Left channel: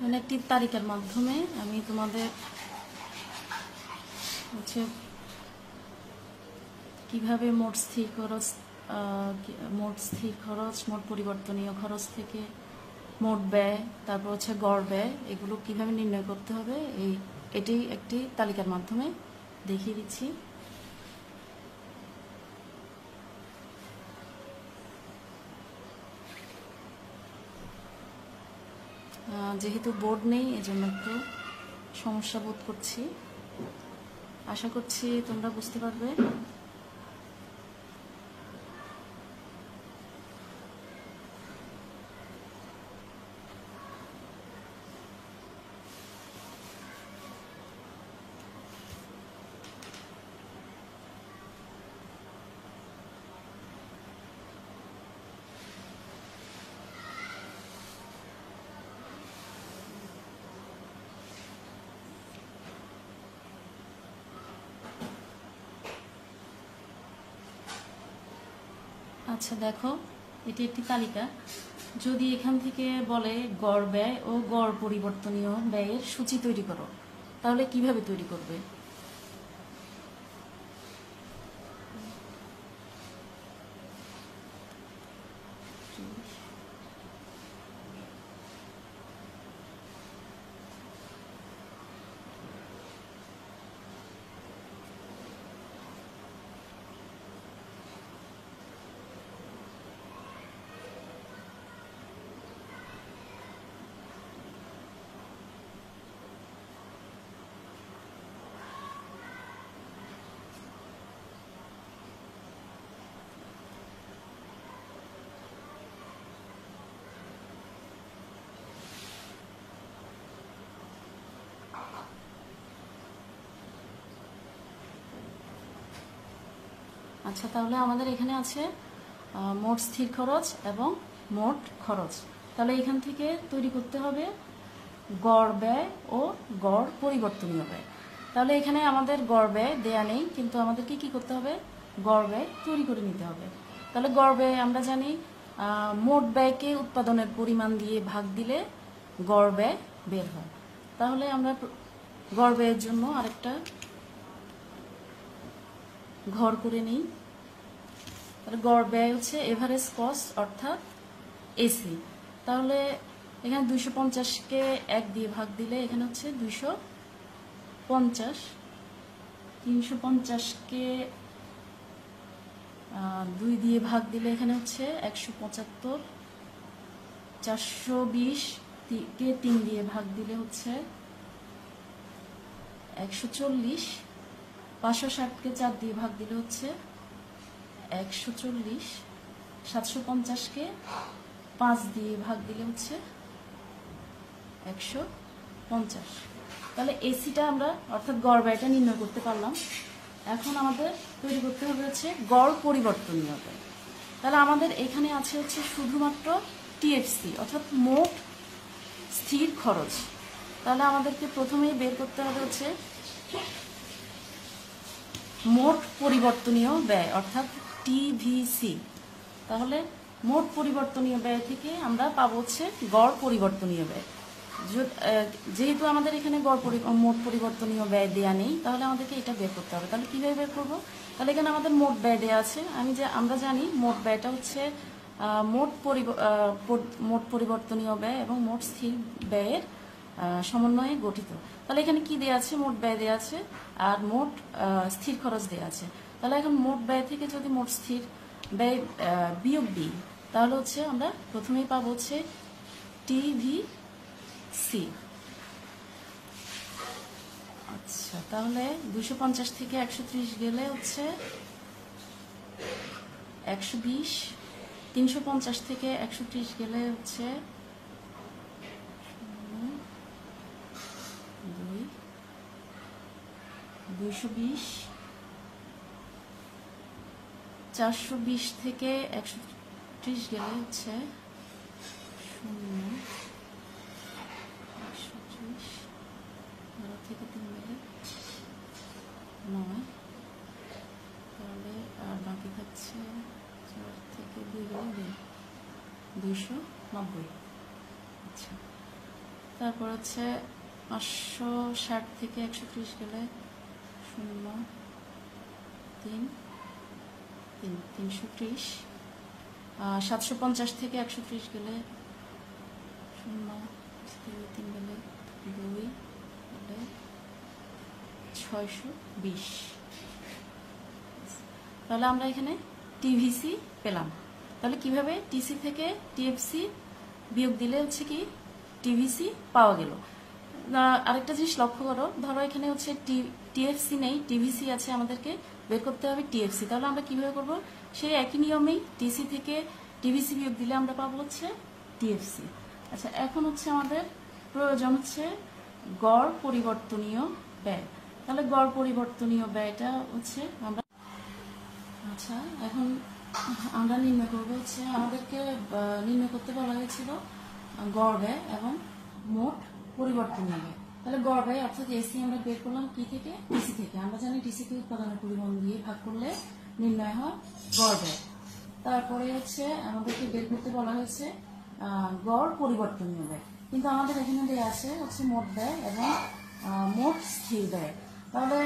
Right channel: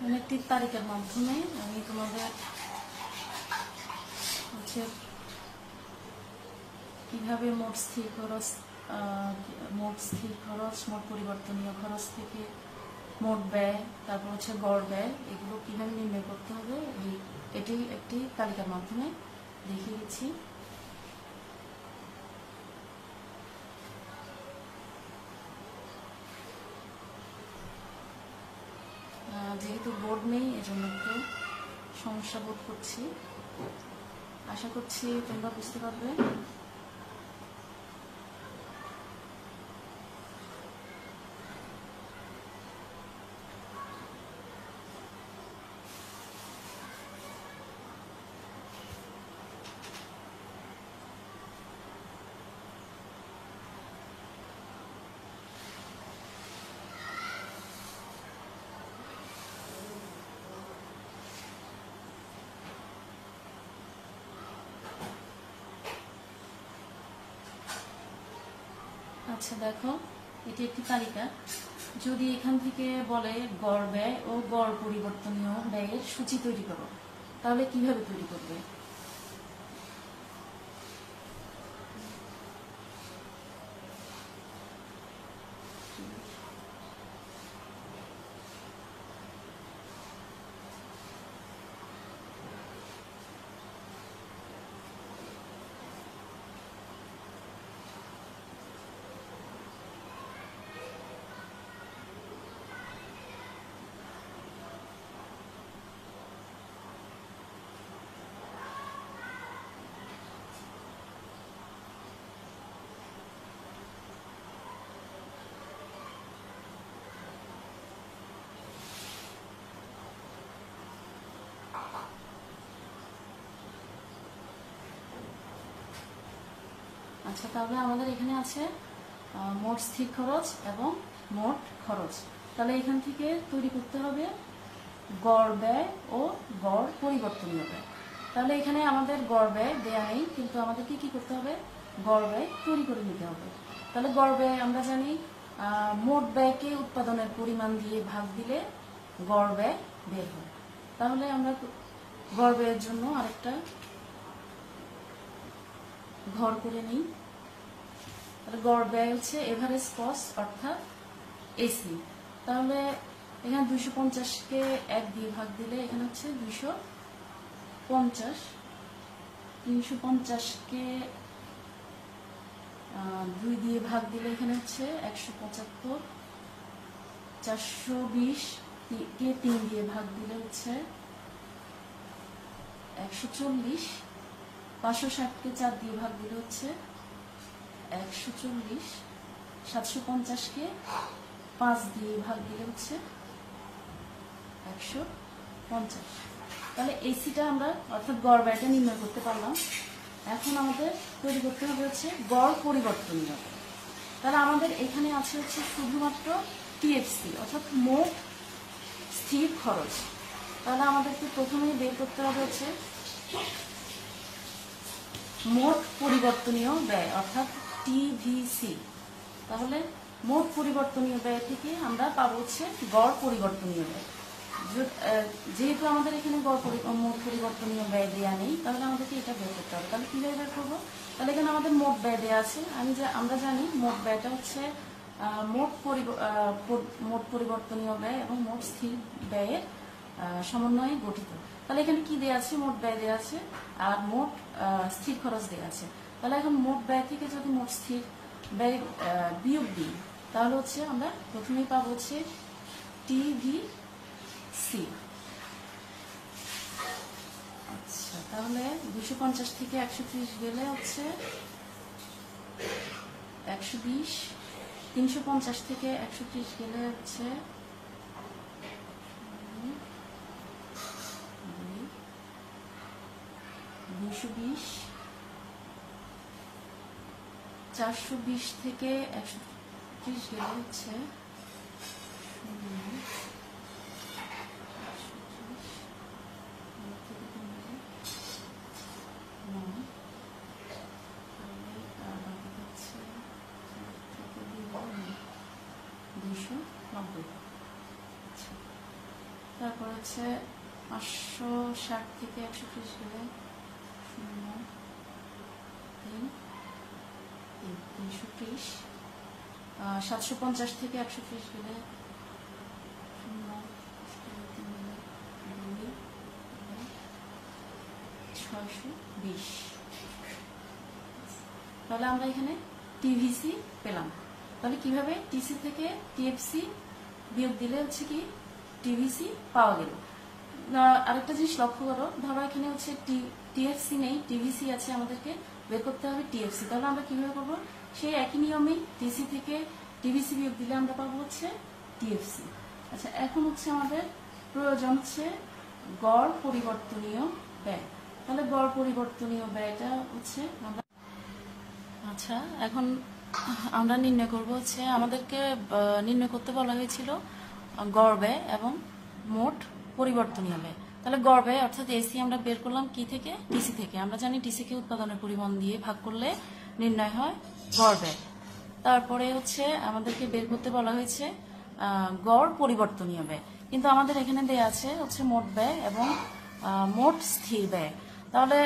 মানে একটি তালিকার মাধ্যমে আমি তোমাদের হচ্ছে কিভাবে মোট স্থির খরচ, মোট পরিবর্তনীয় খরচ থেকে মোট ব্যয়, তারপর হচ্ছে গড় ব্যয়, এগুলো কিভাবে নির্ণয় করতে হবে এটি একটি তালিকার মাধ্যমে দেখিয়ে দিচ্ছি। যেহেতু বোর্ড নেই এজন্য একটু সমস্যা বোধ করছি, আশা করছি তোমরা বুঝতে পারবে। আচ্ছা দেখো, এটি একটি তালিকা। যদি এখান থেকে বলে গড় ব্যয় ও গড় পরিবর্তনীয় ব্যয়ের সূচি তৈরি করো, তাহলে কিভাবে তৈরি করবে? আচ্ছা, তাহলে আমাদের এখানে আছে মোট স্থির খরচ এবং মোট খরচ। তাহলে এখান থেকে তৈরি করতে হবে গড় ব্যয় ও গড় পরিবর্তনীয় ব্যয়। তাহলে এখানে আমাদের গড় ব্যয় দেয়া নেই, কিন্তু আমাদেরকে কি করতে হবে? গড় ব্যয় তৈরি করে নিতে হবে। তাহলে গড় ব্যয় আমরা জানি মোট ব্যয়কে উৎপাদনের পরিমাণ দিয়ে ভাগ দিলে গড় ব্যয় বের হয়। তাহলে আমরা গড় ব্যয়ের জন্য আরেকটা ঘর করে নিই। গড় ব্যয় হচ্ছে এভারেজ কস্ট অর্থাৎ এসি। তাহলে এখানে 250-কে 1 দিয়ে ভাগ দিলে এখানে হচ্ছে 250, 350-কে 2 দিয়ে ভাগ দিলে এখানে হচ্ছে 175, 420-কে 3 দিয়ে ভাগ দিলে হচ্ছে 140, 560-কে 4 দিয়ে ভাগ দিলে হচ্ছে 140, 750-কে 5 দিয়ে ভাগ দিলে হচ্ছে 150। তাহলে এসিটা আমরা অর্থাৎ গড় ব্যয়টা নির্ণয় করতে পারলাম। এখন আমাদের তৈরি করতে হবে হচ্ছে গড় পরিবর্তনীয় ব্যয়। তাহলে আমাদের এখানে আছে হচ্ছে শুধুমাত্র টিএফসি অর্থাৎ মোট স্থির খরচ। তাহলে আমাদেরকে প্রথমেই বের করতে হবে হচ্ছে মোট পরিবর্তনীয় ব্যয় অর্থাৎ টিভিসি। তাহলে মোট পরিবর্তনীয় ব্যয় থেকে আমরা পাবো হচ্ছে গড় পরিবর্তনীয় ব্যয়। যেহেতু আমাদের এখানে মোট পরিবর্তনীয় ব্যয় দেওয়া নেই, তাহলে আমাদেরকে এটা বের করতে হবে। তাহলে কিভাবে বের করবো? তাহলে এখানে আমাদের মোট ব্যয় দেওয়া আছে। আমরা জানি মোট ব্যয়টা হচ্ছে মোট পরিবর্তনীয় ব্যয় এবং মোট স্থির ব্যয়ের সমন্বয়ে গঠিত। তাহলে এখানে কি দেওয়া আছে? মোট ব্যয় দেওয়া আছে আর মোট স্থির খরচ দেওয়া আছে। তাহলে এখন মোট ব্যয় থেকে যদি মোট স্থির ব্যয় বিয়োগ দিই, তাহলে হচ্ছে আমরা প্রথমেই পাবো হচ্ছে টিভিসি। আচ্ছা, তাহলে 250 থেকে 130 গেলে হচ্ছে 120, 350 থেকে 130 গেলে হচ্ছে 220, 420 থেকে 130 গেলে হচ্ছে 290। আচ্ছা, তারপর হচ্ছে 560 থেকে 130 গেলে 0 3 330। 750 থেকে 130 গেলে 0 3 গেলে 2 গেলে 620। তাহলে আমরা এখানে টিভিসি পেলাম। তাহলে কিভাবে টিসি থেকে টিএফসি বিয়োগ দিলে হচ্ছে কি টিভিসি পাওয়া গেল। আরেকটা জিনিস লক্ষ্য করো, ধরো এখানে হচ্ছে টিএফসি নেই, টিভিসি আছে, আমাদেরকে বের করতে হবে টিএফসি। তাহলে আমরা কিভাবে করবো, সেই একই নিয়মেই টিসি থেকে টিভিসি বিয়োগ দিলে আমরা পাবো হচ্ছে টিএফসি। আচ্ছা, এখন হচ্ছে আমাদের প্রয়োজন হচ্ছে গড় পরিবর্তনীয় ব্যয়। তাহলে গড় পরিবর্তনীয় ব্যয়টা হচ্ছে আমরা, আচ্ছা এখন আমরা নির্ণয় করবো হচ্ছে, আমাদেরকে নির্ণয় করতে বলা হয়েছিল গড় ব্যয় এবং মোট পরিবর্তনীয় ব্যয়। তাহলে গড় ব্যয় অর্থাৎ এসি আমরা বের করলাম কি থেকে, টিসি থেকে। আমরা জানি টিসি কে উৎপাদনের পরিমাণ দিয়ে ভাগ করলে নির্ণয় হয় গড় ব্যয়। তারপরে হচ্ছে আমাদেরকে বের করতে বলা হয়েছে গড় পরিবর্তনীয় ব্যয়, কিন্তু আমাদের এখানে দেয়া আছে হচ্ছে মোট ব্যয় এবং মোট স্থির ব্যয়। তাহলে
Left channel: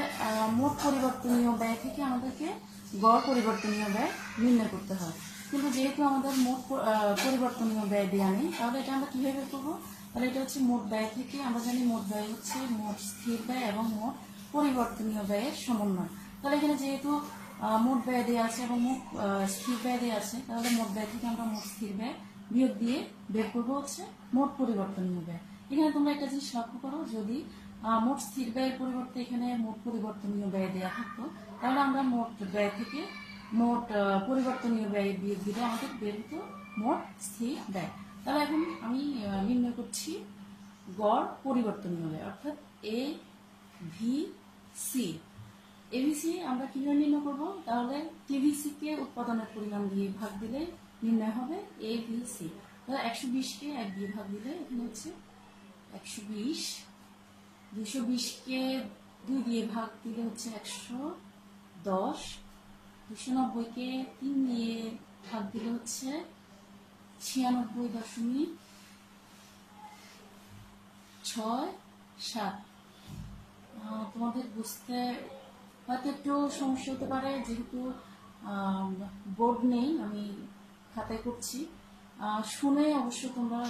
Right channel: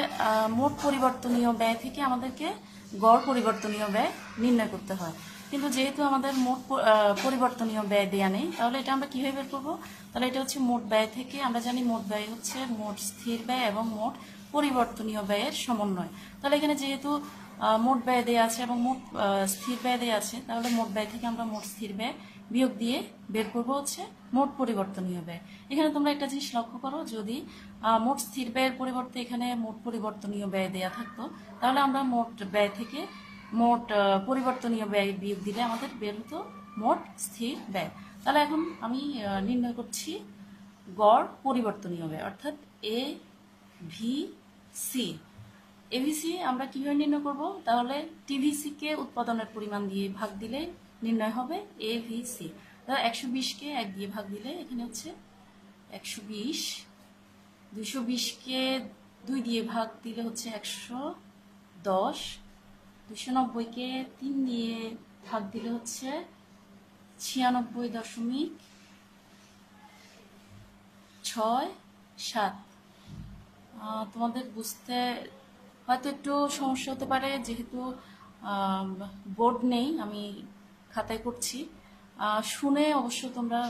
মোট পরিবর্তনীয় ব্যয় থেকে আমাদেরকে গড় পরিবর্তনীয় ব্যয় নির্ণয় করতে হয়, কিন্তু যেহেতু আমাদের মোট পরিবর্তনীয় ব্যয় দেয়া নেই, তাহলে এটা আমরা কিভাবে বের করবো। তাহলে এটা হচ্ছে মোট ব্যয় থেকে, আমরা জানি মোট ব্যয় হচ্ছে মোট স্থির ব্যয় এবং মোট পরিবর্তনীয় ব্যয়ের সমন্বয়। তাহলে এখানে যেহেতু মোট ব্যয় দেয়া আছে এবং মোট স্থির ব্যয় দেয়া আছে, তাহলে মোট ব্যয় থেকে আমরা মোট স্থির ব্যয় বিয়োগ দিয়ে বের করবো হচ্ছে মোট পরিবর্তনীয় ব্যয়। এখানে তোমরা একটা জিনিস লক্ষ্য করো, যদি মোট স্থির ব্যয়ের পরিবর্তে এখানে মোট পরিবর্তনীয় ব্যয় দেয়া থাকতো, তাহলে আমরা মোট ব্যয় থেকে মোট পরিবর্তনীয় ব্যয় বিয়োগ দিলে আমাদের বের হতো মোট স্থির ব্যয়। তাহলে এখন আমি নির্ণয় করছি গড় পরিবর্তনীয় ব্যয়, অর্থাৎ এ ভি সি। এভিসি আমরা কিভাবে নির্ণয় করব, তাহলে টিভিসি কে উৎপাদনের পরিমাণ দিয়ে ভাগ দিলে নির্ণয় হবে এভিসি। তাহলে 120 কে 1 দিয়ে ভাগ দিলে এখানে হচ্ছে 120, 220 কে 2 দিয়ে ভাগ দিলে হচ্ছে 110, 290 কে 3 দিয়ে ভাগ দিলে হচ্ছে 96.67। তোমাদের বুঝতে হয়তো একটু সমস্যা হতে পারে, যেহেতু বোর্ড নেই, আমি খাতায় করছি, শুনে অবশ্য তোমরা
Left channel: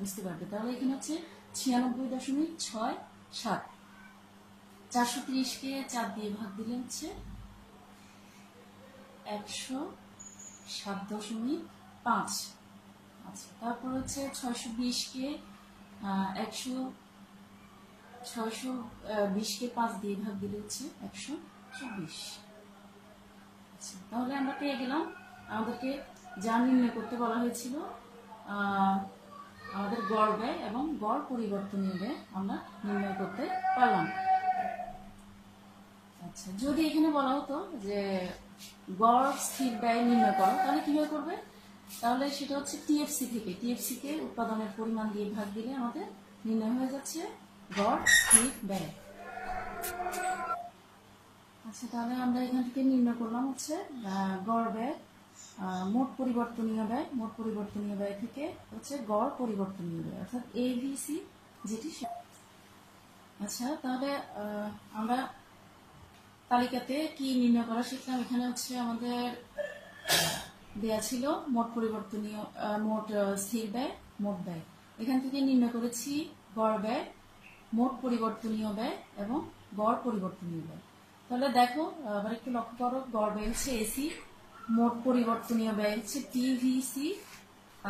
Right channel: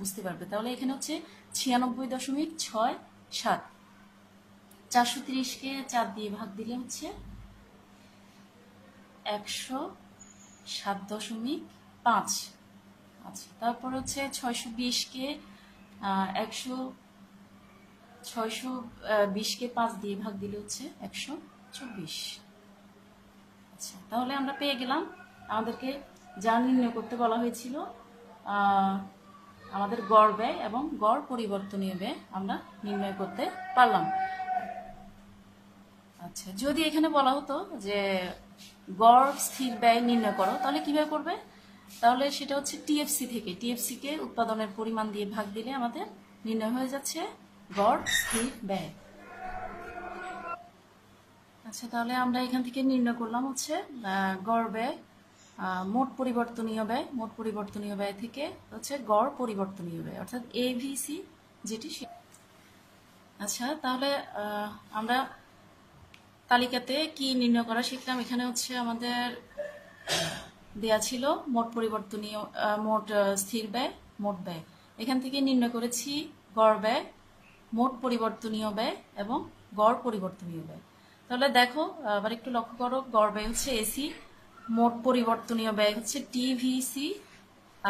বুঝতে পারবে। তাহলে এখানে হচ্ছে 96.67। 430 কে 4 দিয়ে ভাগ দিলে হচ্ছে 107.5। আচ্ছা, তারপর হচ্ছে 620 কে 620 কে 5 দিয়ে ভাগ দিলে হচ্ছে 124। আচ্ছা, তাহলে আমরা পেয়ে গেলাম আমাদেরকে যা নির্ণয় করতে বলা হয়েছিল, আমাদের গড় ব্যয় এবং গড় পরিবর্তনীয় ব্যয় আমরা নির্ণয় করতে পারলাম। আচ্ছা, যদি এখানে বলা হতো যে গড় স্থির ব্যয় নির্ণয় করো, তাহলে কিভাবে করবে, তাহলে সেটা হচ্ছে টিএফসি থেকে, টিএফসি কে উৎপাদনের পরিমাণ দিয়ে ভাগ দিলে আমাদের নির্ণয় হয়ে যাচ্ছে গড় স্থির ব্যয়। আচ্ছা, তাহলে আমরা এখান থেকে নির্ণয় করলাম হচ্ছে গড় ব্যয়, মোট পরিবর্তনীয় ব্যয়, মোট পরিবর্তনীয় ব্যয় থেকে হচ্ছে গড় পরিবর্তনীয় ব্যয় অর্থাৎ এভিসি যেটি। আচ্ছা, তাহলে আমরা তালিকাতে কি নির্ণয় করা শিখলাম। এখানে হচ্ছে আমাদের দেয়া ছিল মোট পরিবর্তনীয়, মোট স্থির ব্যয়, মোট ব্যয়। এখান থেকে নির্ণয় করেছি গড় ব্যয়, মোট পরিবর্তনীয় ব্যয় এবং গড় পরিবর্তনীয় ব্যয়। তাহলে দেখো আবার একটু লক্ষ্য করো, গড় ব্যয় হচ্ছে এসি, মোট পরিবর্তনীয় ব্যয় হচ্ছে টিভিসি,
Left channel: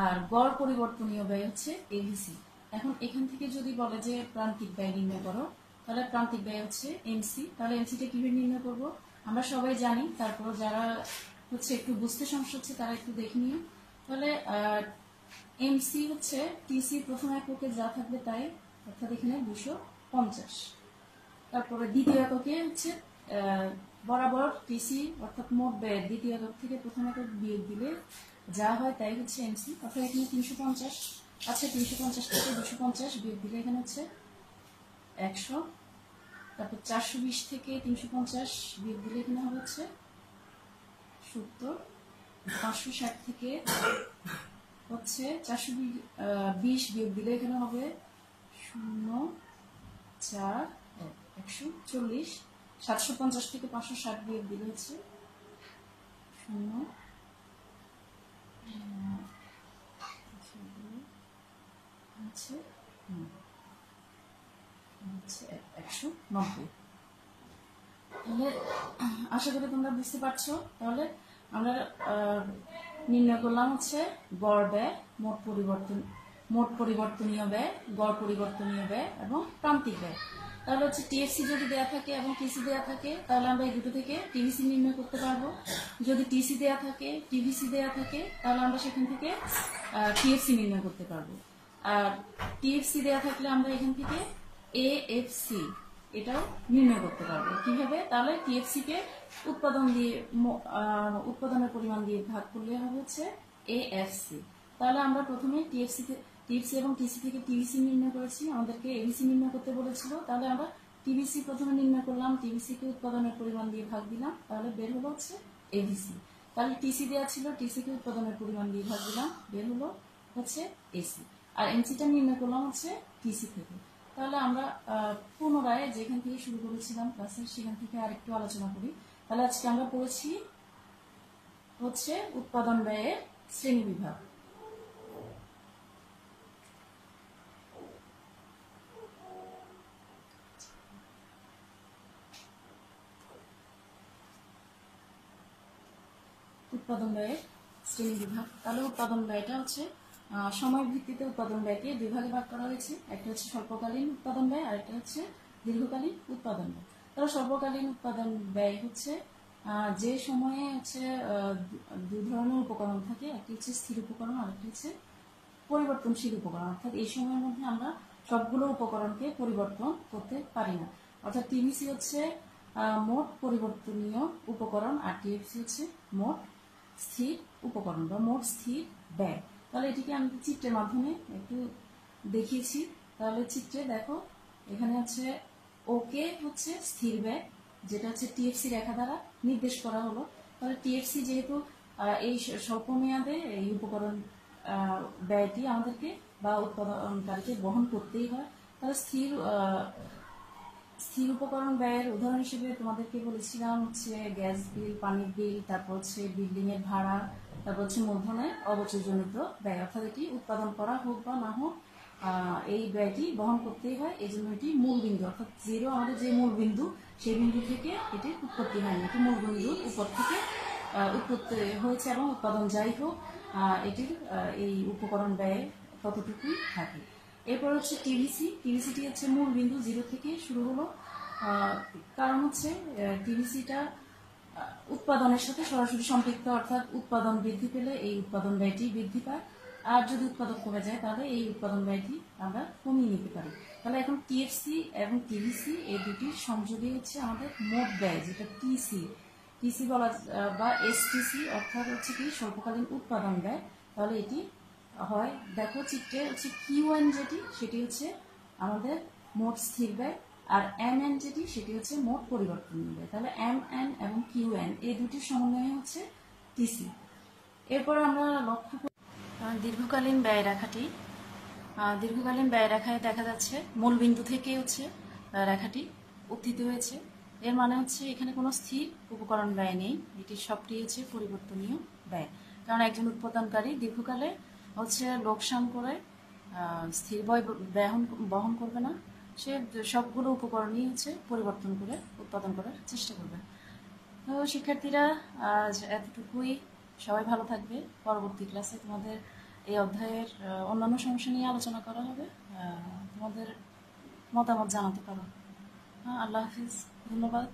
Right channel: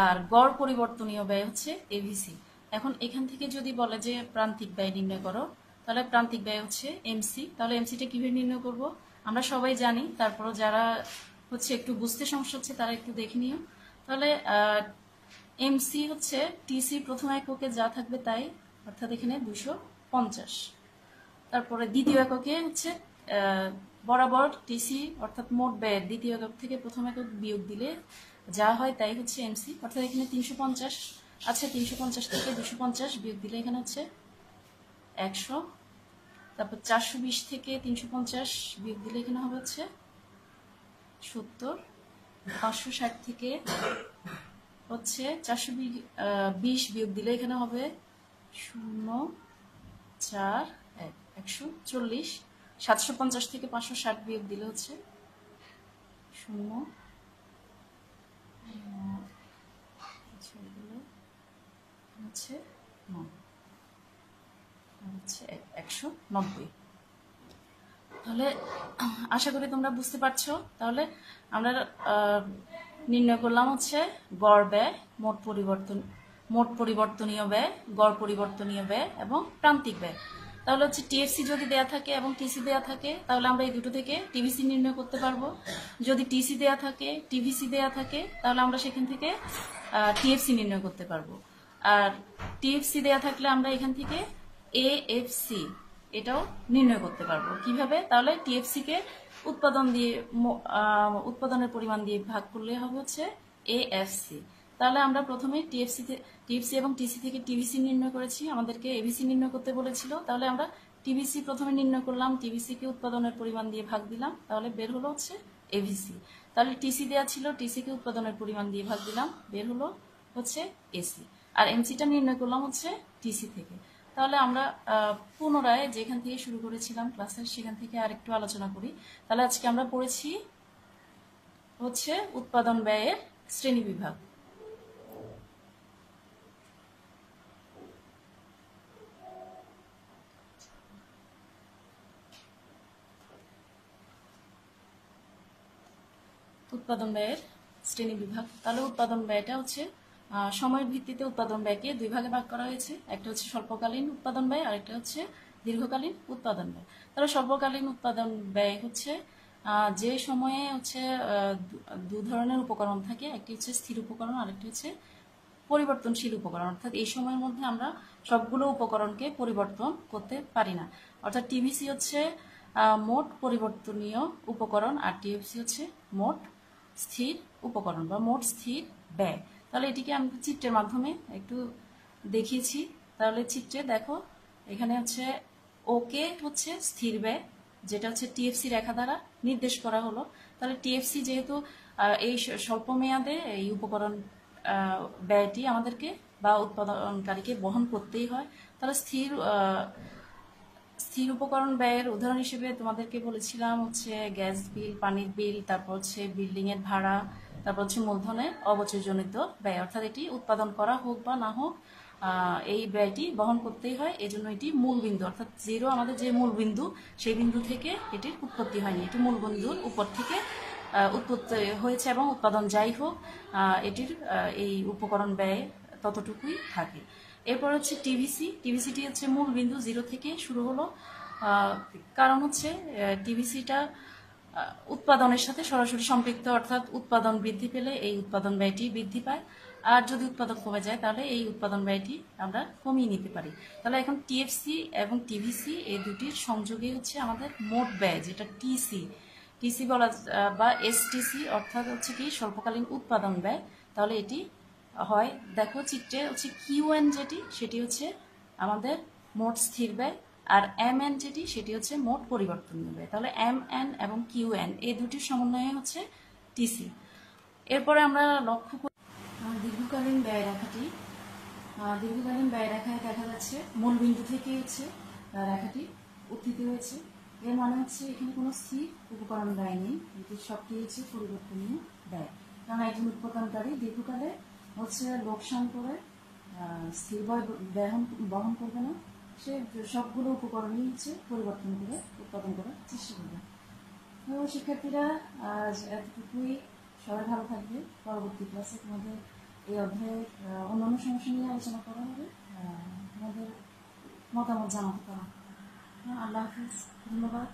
আর গড় পরিবর্তনীয় ব্যয় হচ্ছে এভিসি। এখন এখান থেকে যদি বলে যে প্রান্তিক ব্যয় নির্ণয় করো, তাহলে প্রান্তিক ব্যয় হচ্ছে এমসি। তাহলে এমসিটা কিভাবে নির্ণয় করব আমরা সবাই জানি, তারপরও যারা হচ্ছে একটু বুঝতে সমস্যা হচ্ছে তারা একটু দেখে নিও। তাহলে এমসি হচ্ছে টিসি প্রথম এককে যা থাকবে তাই, অর্থাৎ এখানে 250। তারপরে দ্বিতীয় এককে হচ্ছে বরাবর টিসি অর্থাৎ মোট ব্যয়ের দ্বিতীয় একক থেকে প্রথম একক বিয়োগ দিলে যা হয় তাই হচ্ছে এমসি, অর্থাৎ এখানে 350 আছে, 350 থেকে 250 বিয়োগ দিলে এখানে হচ্ছে 100। তারপর 420 থেকে 350 বিয়োগ দিলে এখানে হবে হচ্ছে 70। 560 থেকে হচ্ছে 420 বিয়োগ দিলে এখানে হবে 041 140 750 থেকে 560 বিয়োগ দিলে হচ্ছে 0 হচ্ছে 190। তাহলে আশা করি তোমরা বুঝতে পারছো। তাহলে আমরা নির্ণয় করলাম হচ্ছে গড় ব্যয়, মোট পরিবর্তনীয় ব্যয়, গড় পরিবর্তনীয় ব্যয় এবং প্রান্তিক ব্যয়। তাহলে হচ্ছে টিএফসি যদি দেয়া থাকে এবং টিসি দেয়া থাকে তাহলে আমরা এই দুটো থেকে টিভিসি নির্ণয় করতে পারবো। যদি টিসি দেয়া থাকে, টিভিসি দেয়া থাকে তাহলে আমরা সেখান থেকে টিএফসি নির্ণয় করতে পারবো। আর টিএফসি দেয়া থাকলে আমরা এখান থেকে এএফসি এটাও নির্ণয় করতে পারবো। কিভাবে? তাহলে টিএফসি কে উৎপাদনের পরিমাণ দিয়ে ভাগ করলে হবে হচ্ছে এএফসি। তাহলে আমরা প্রথমে টিএফসি এবং টিসি থেকে টিভিসি নির্ণয় করেছি, আমাদেরকে এবিসি নির্ণয় করতে বলেছিল। তাহলে আমরা টিভিসি প্রথমে নির্ণয় করলাম, টিভিসি কে উৎপাদনের পরিমাণ দিয়ে ভাগ দিলাম, তাহলে বের হলো হচ্ছে এভিসি। তাহলে টিসি দেওয়া ছিল, টিসি কে উৎপাদনের পরিমাণ দিয়ে ভাগ দিলাম, বের হলো হচ্ছে এসি। আর এমসিটা নির্ণয় করলাম হচ্ছে টিসি থেকে। তাহলে আমরা পুনরায় যেখান থেকে শুরু করেছিলাম ক্লাসের সেখান থেকে আরেকটু আলোচনা করি। তাহলে আজকে আমরা পড়েছি হচ্ছে উৎপাদন ব্যয়ের শ্রেণী বিভাগ। উৎপাদন ব্যয়ের শ্রেণী বিভাগ। তাহলে উৎপাদন ব্যয়টা হচ্ছে সময়ের ভিত্তিতে উৎপাদন ব্যয়কে দুই ভাগে ভাগ করা হয়েছে। একটা হচ্ছে স্বল্পকালীন উৎপাদন ব্যয় আর একটা হচ্ছে দীর্ঘকালীন উৎপাদন ব্যয়। তাহলে স্বল্পকালীন উৎপাদন ব্যয় হচ্ছে যে সময়ে হচ্ছে দুই ধরনের উপকরণ থাকে, একটি হচ্ছে স্থির উপকরণ আর একটি হচ্ছে পরিবর্তনশীল উপকরণ। অর্থাৎ এই সময়ের মধ্যে আমরা সবগুলো উপকরণকে পরিবর্তন করতে পারি না। অর্থাৎ টিভিসি হচ্ছে মোট পরিবর্তনীয় উপকরণ আর টিএফসি হচ্ছে মোট স্থির উপকরণ বা মোট স্থির ব্যয়। তাহলে এটিকে আমি চিত্রের মাধ্যমে একটু দেখিয়েছি। তাহলে চিত্রে দেখো এখানে হচ্ছে ওকে হচ্ছে স্থির ব্যয়, যেটা হচ্ছে টিএফসি রেখা দ্বারা নির্দেশ করা হলো। তাহলে টিএফসি যেহেতু এই স্বল্প মেয়াদে এই উপকরণ ব্যয়টি আমাদেরকে বা উৎপাদনকারীকে বহন করতেই হয়। তাহলে স্থির উপকরণ ব্যয়ের উদাহরণ হিসেবে তোমাদেরকে বলেছিলাম হচ্ছে গ্যাস বিল, পানির বিল, তারপর হচ্ছে বিল্ডিং এর ভাড়া, তারপর হচ্ছে মূলধনের অবচয়জনিত ব্যয়। অর্থাৎ এটি উৎপাদন করা হোক বা না হোক এই ব্যয়টি বহন করতেই হয়। এই জন্য এটি মূল বিন্দু, অর্থাৎ জিরো আমাদের যে মূল বিন্দু সেই বিন্দু থেকে এটির উৎপত্তি হয়নি, এটি মূল বিন্দুর উপর থেকে উৎপত্তি হয়েছে এবং উৎপাদন যাই হোক এটির এই উপকরণ ব্যয় ততটুকুই থাকে। এরপর হচ্ছে টিভিসিটি হচ্ছে মূল বিন্দু জিরো থেকে শুরু হলো, কারণ হচ্ছে টিভিসিটা উৎপাদনের সাথে সরাসরি সম্পৃক্ত, অর্থাৎ উৎপাদন বৃদ্ধি পেলে এই উৎপাদন ব্যয়টি বৃদ্ধি পায়, আর যদি উৎপাদন কমে যায় তাহলে এই উৎপাদন ব্যয়টি আমরা কমিয়ে নিতে পারি। তাহলে এখন টিএফসি এবং টিভিসি এই দুটির সংযোগে হচ্ছে আমাদের মোট ব্যয়, যেটা টিসি বলা বা এসটিসি, অর্থাৎ হচ্ছে কি স্বল্পকালীন উৎপাদন ব্যয়। তাহলে এটি হয়, দেখো চিত্রে হচ্ছে কিউএন যেটি সেটি হচ্ছে আমাদের মোট স্থির ব্যয়, আর এমএন যেটি সেটি হচ্ছে মোট পরিবর্তনীয় ব্যয়। তাহলে এমএন এবং কিউএন এই দুটির সমন্বয়ে হচ্ছে টিসি। এরপরে আমরা লক্ষ্য করি দীর্ঘকালীন ব্যয় রেখাটি। দীর্ঘকালীন ব্যয় রেখায় দেখা যাচ্ছে মূল বিন্দু থেকে হচ্ছে রেখাটি উত্থিত হয়েছে। এর মানে হচ্ছে এখানে কোনো স্থির উপকরণ ব্যয় নেই, এটি সবটি হচ্ছে পরিবর্তনীয় ব্যয়। কারণ একজন উৎপাদনকারী দীর্ঘকালে হচ্ছে লোকসান করে স্থির ব্যয় বহন করবে না, সে সবগুলো উপকরণই হচ্ছে পরিবর্তন করে উৎপাদন করার চেষ্টা করবে। তো শিক্ষার্থীরা আজ এতটুকুই, সবাই ভালো থাকবে। পরবর্তী ক্লাসে তোমাদের এই অধ্যায়ের অন্যান্য সমস্যা নিয়ে আলোচনা করা হবে, তোমাদের মতামত জানাতে পারো। আল্লাহ হাফিজ, ধন্যবাদ।